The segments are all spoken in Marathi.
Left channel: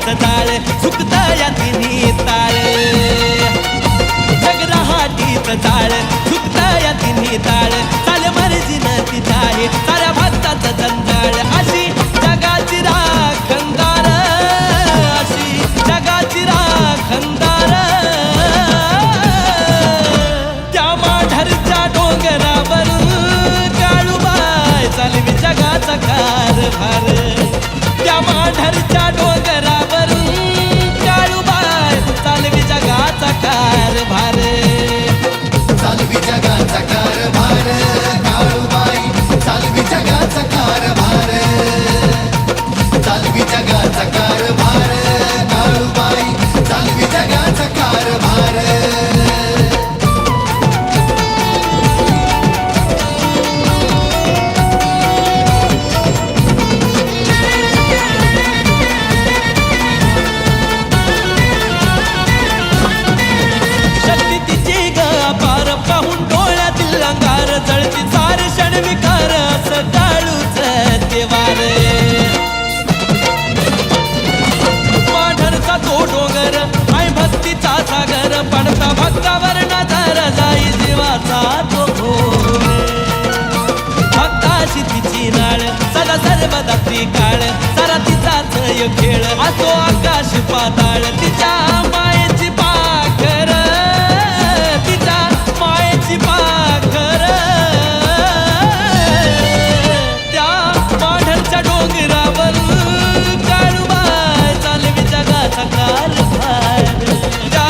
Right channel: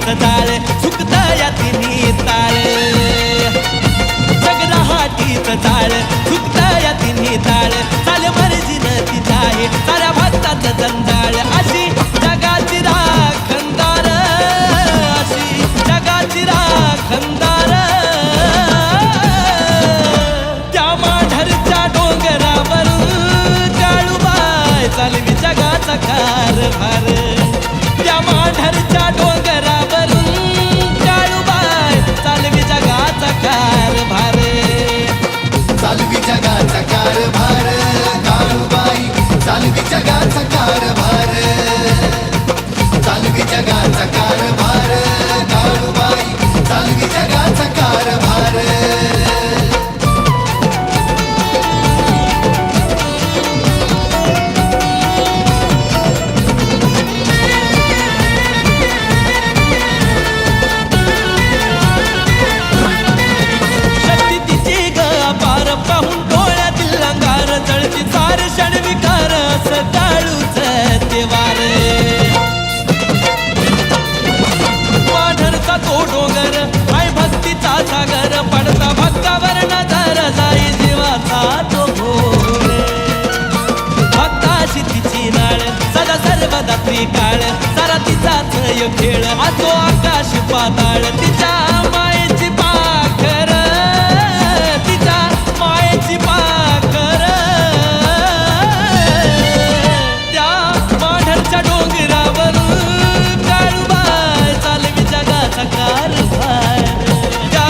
रहाटीचं जाळ सुकतं या तिन्ही ताळ जग रहाटीचं जाळ सुकतं या तिन्ही ताळ चाल मर्जीनं तिच्या आहे साऱ्या भक्ताचं जंजाळ अशी जगाची राखणदार अशी जगाची राखणदार त्या माढरच्या डोंगरावरून काळूबाई चालवी जगाचा कारभार त्या माढरच्या डोंगरावरून काळूबाई चालवी जगाचा कारभार चालवी जगाचा कारभार काळूबाई चालवी जगाचा कारभार चालवी जगाचा कारभार काळूबाई चालवी जगाचा कारभार पार पाहून डोळ्यातील अंगार जळती सारे क्षण विकार असं काळूच देवार माढरचा तो डोंगर हाय भक्तीचा सागर पडता भक्तावर नजर जाई जीवाचा तो घोर भक्ताशी तिची नाळ सदा सर्वदा त्रिकाळ सारा तिचाच खेळ असो आकाश पाताळ तिच्या मायेची पाखर तिच्या मायेची पाखर त्या माढरच्या डोंगरावरून काळूबाई चालवी जगाचा कारभार त्या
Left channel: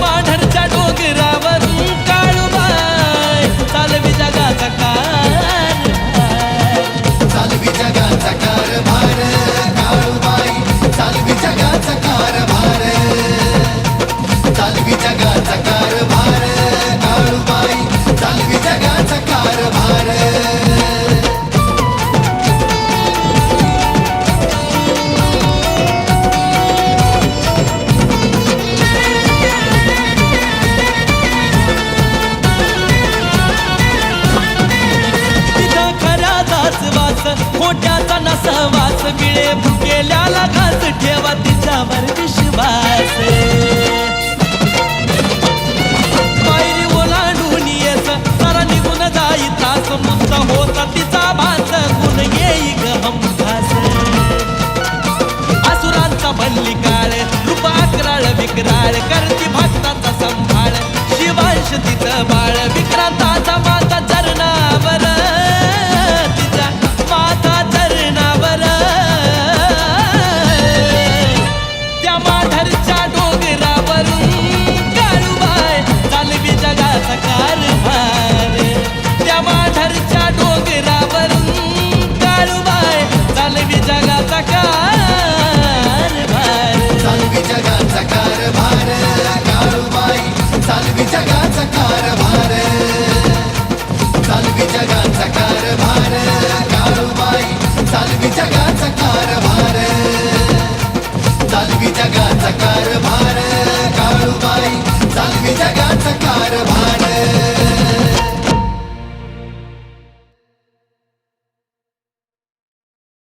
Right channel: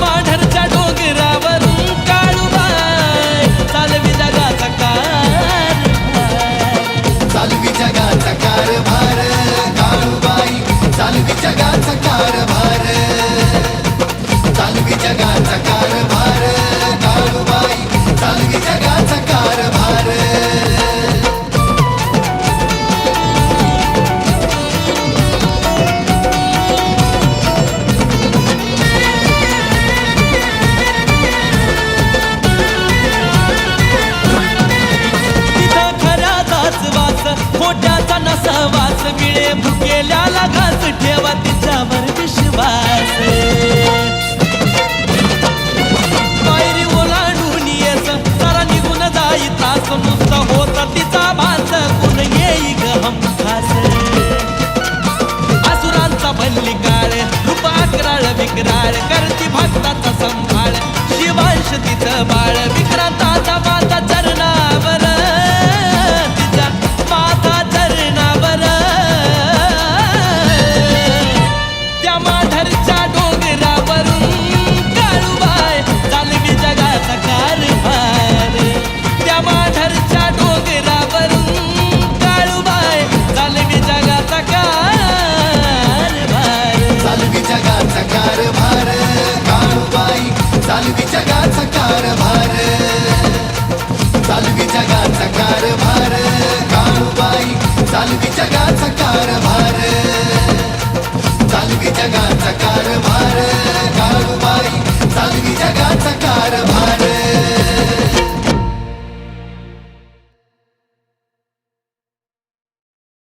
माढरच्या डोंगरावरून काळूबाई चालवी जगाचा कारभार चालवी जगाचा कारभार काळूबाई चालवी जगाचा कारभार चालवी जगाचा कारभार काळूबाई चालवी जगाचा कारभार वास खोट्याचा नसवास मिळे भुकेल्याला घास ठेवा तिच्यावर विश्वास पायरी ओलांडून येस सारा निघून जाई त्रास नुसता होता तिचा भास गुण येई ग हमखास असुरांचा बल्लिकाळ रूप अकराळ विक्राळ करती भक्ताचा संभाळ शिवांश तिचं बाळ विक्रांताचा माता चरणावर तिच्या माता चरणावर त्या माढरच्या डोंगरावरून काळूबाई चालवी जगाचा कारभार त्या माढरच्या डोंगरावरून काळूबाई चालवी जगाचा कारभार चालवी जगाचा कारभार काळूबाई चालवी जगाचा कारभार चालवी जगाचा कारभार काळूबाई चालवी जगाचा कारभार चालवी जगाचा कारभार काळूबाई चालवी जगाचा कारभार